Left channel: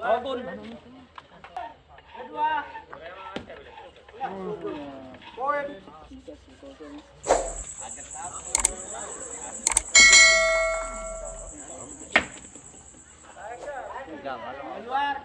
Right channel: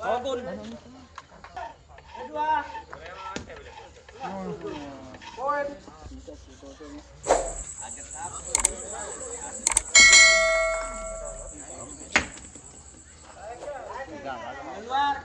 Kawakun. Kedua. Poin. Keluar.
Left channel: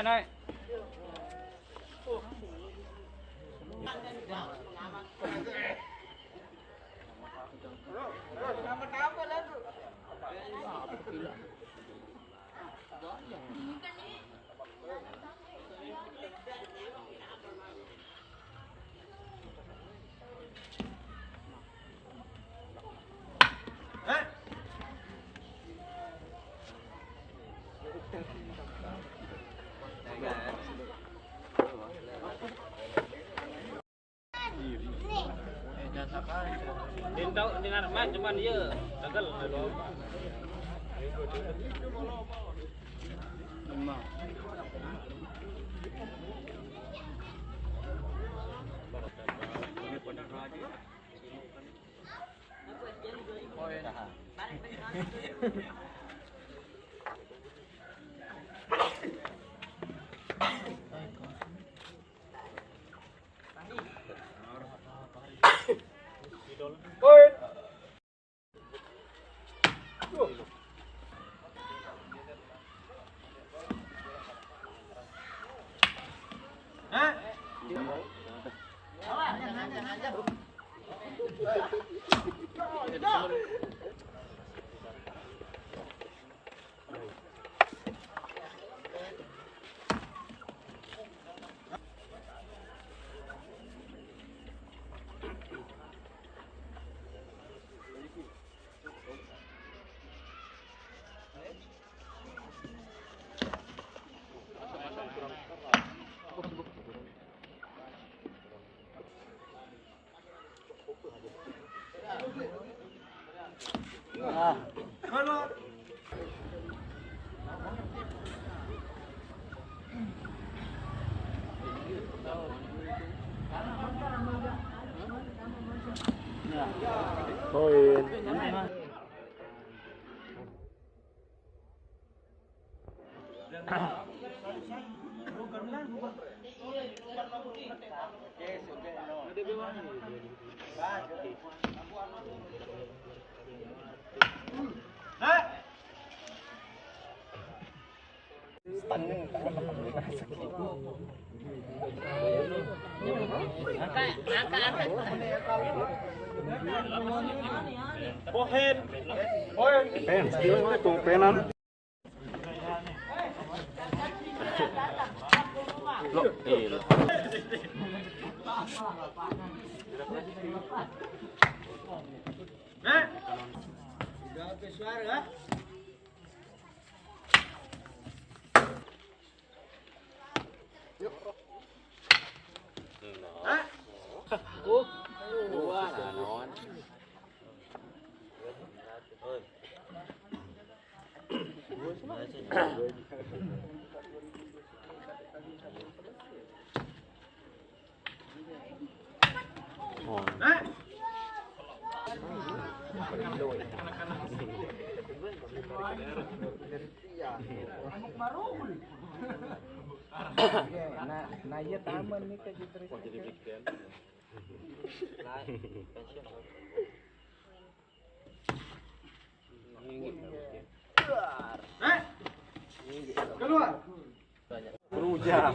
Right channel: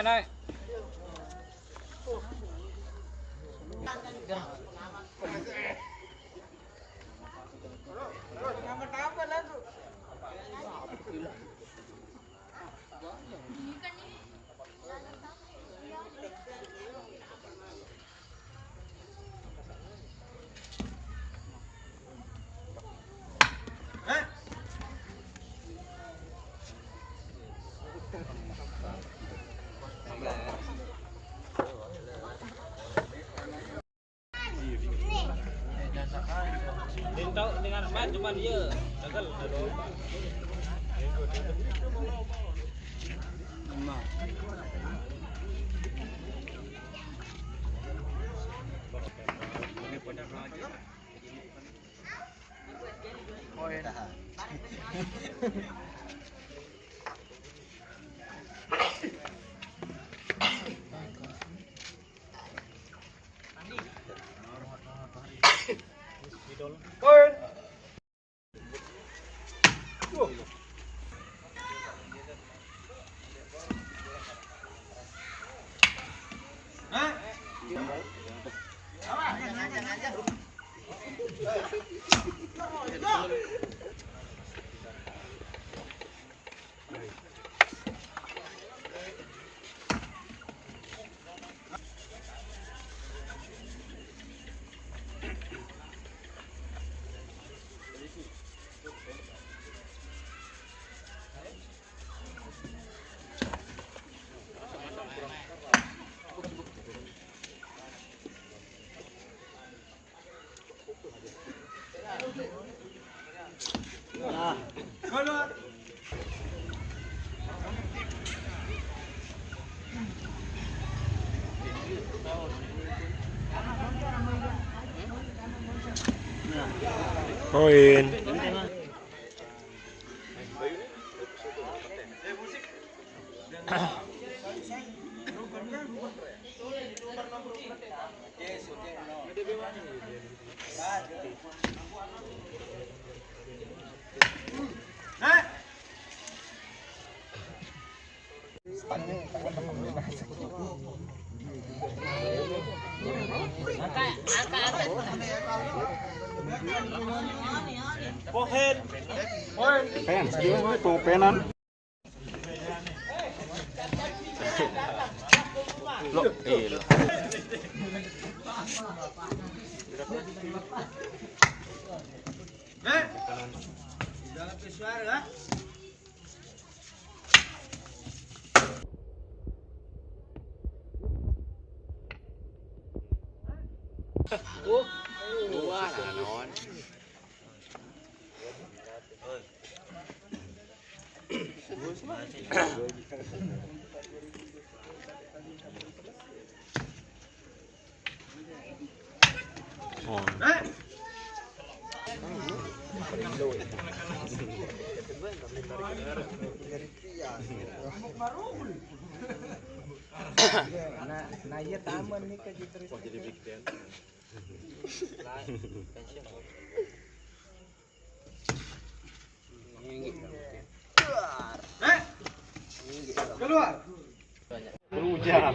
Này. Tahu dengan main cuman dia gagal Poin. Pen, sekilas itu penan. Lo, lo. Wah, non. Nah iya taman nih ke gitu. Jadi big band. Keluar. Hujan.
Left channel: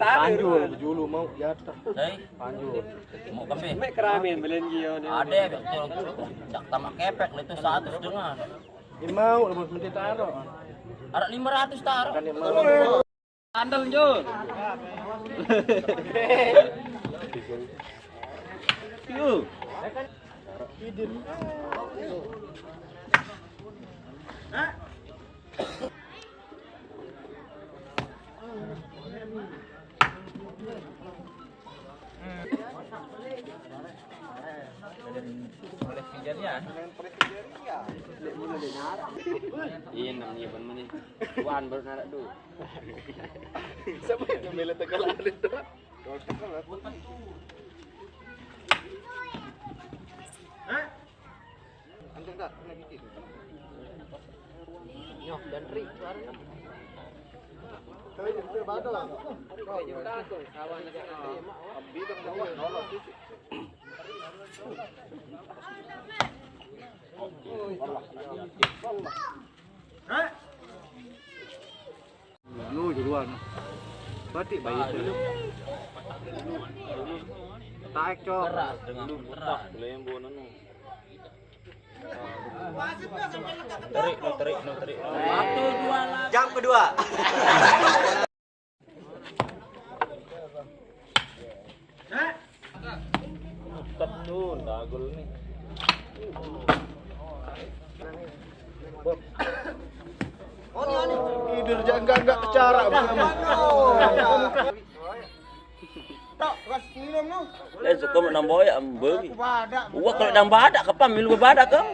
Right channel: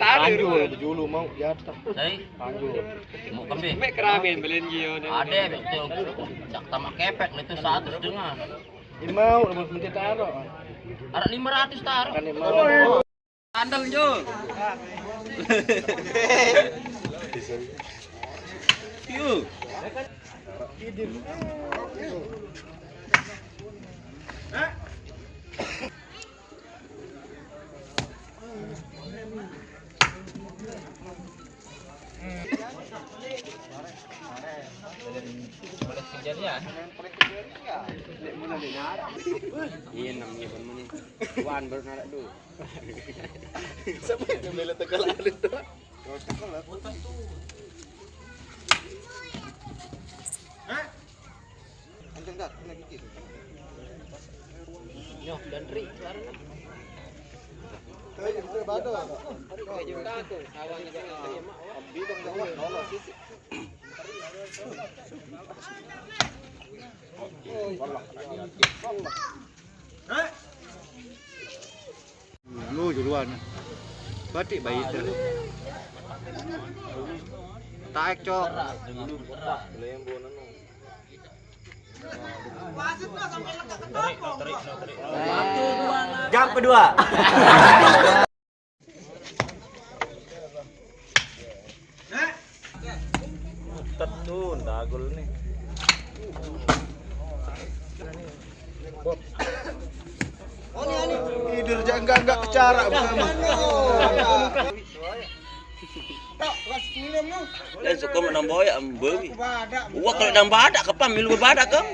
Panjul dulu mau jatuh. Panjul. Mau kami. Ada betul. Jak tamak kepek itu 100 dengan. Ini mau lebih taruh. Ada 500 taruh. Kan mau. Andal Jo. Yuk. Iya namanya ban mana? Wan baru narak dulu. Siapa yang bela Tegal ada tuh? Hah? Anjing dah, kena bikin. Nyoh dan Ri karena. Kayak itu bado. Kayak juta tuh, awan yang bidang bawah kalau sisi. Lu duluan. Batik bayi itu. Taek cok. Lembo nanu. Jam kedua. Tetun dagul nih. Tidur jangga enggak kecara bersama. Dan suka menambah ya ambil. Gua kalau nambah ada kapan milu badak kan?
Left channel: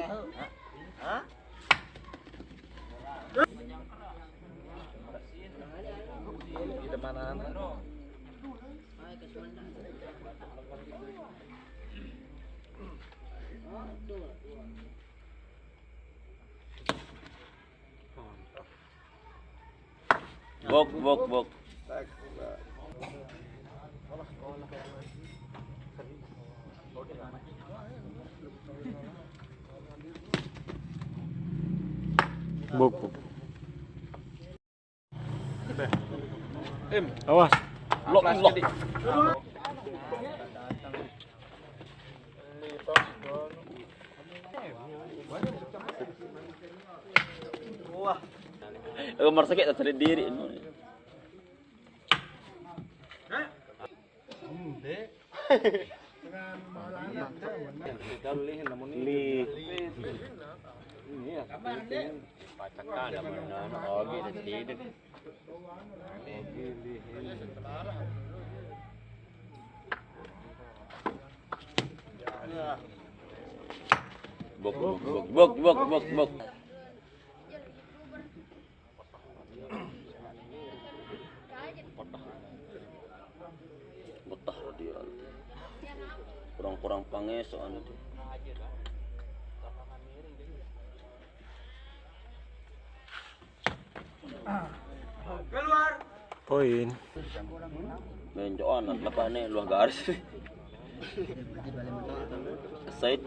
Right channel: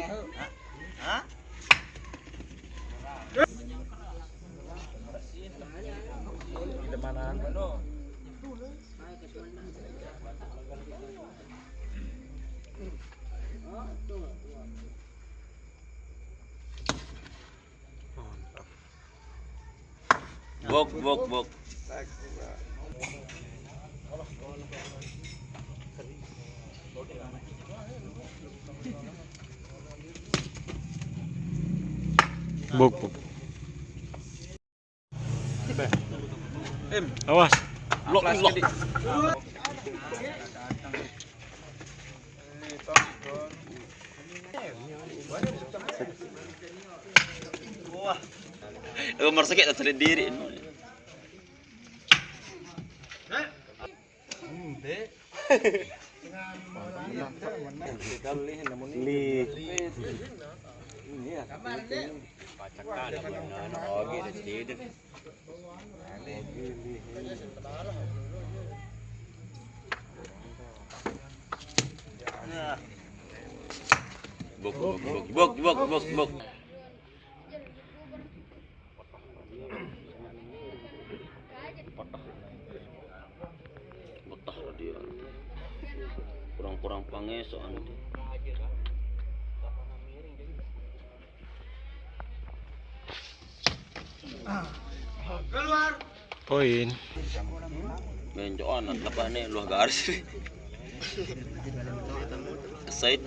Bok. Bok. Awas. Lok. Umar sakit tak sendiri. Pacakan lah mana oge dah sedih. Bok. Betah dia. Kurang panges soalnya tu. Keluar. Poin. Menjoan apa ni luar garis. Said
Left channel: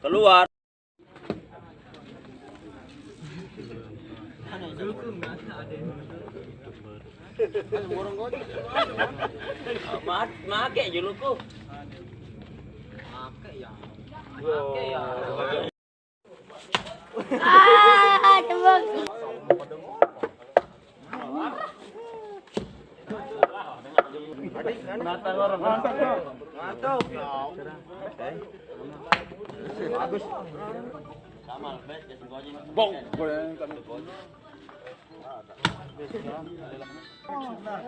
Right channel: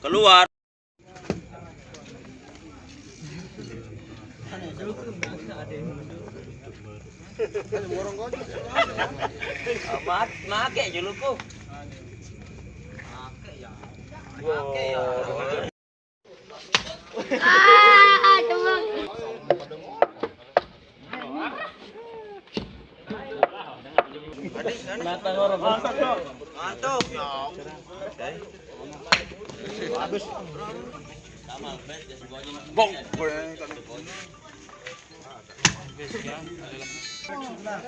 keluar. Make juluku. Make ya. Mantap ya. Bagus. Bong.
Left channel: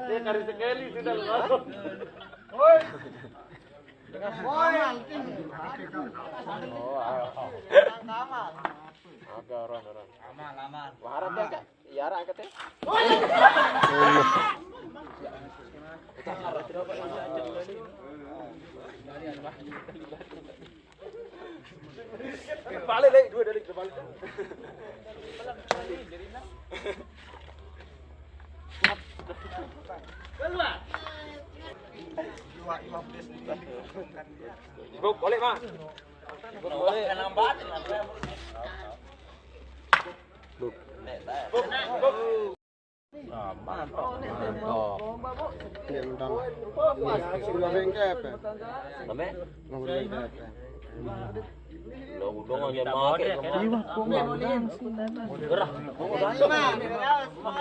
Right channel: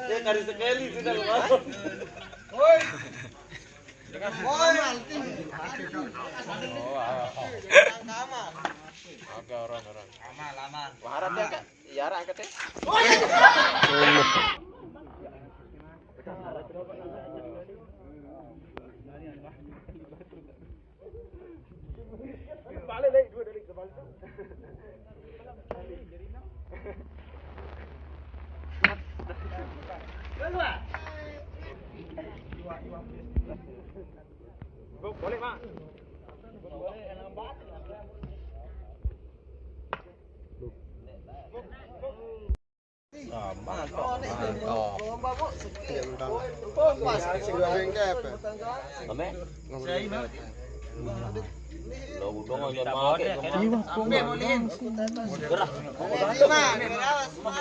Dia kari sekali sudah loh. Woi. Woi. Aman. Agak orang. Aman. Waharap ya, Yara angkat ya. Balik lagi, dua dari balik. Keluar. Buk, balik mah. Boleh nambah. Buk. Aman. Oh, babok Tendang. pas Goreng ke apa? Kami? Saya mah. Udang aja mau kayak Iya, kemana? gerah. Ini mah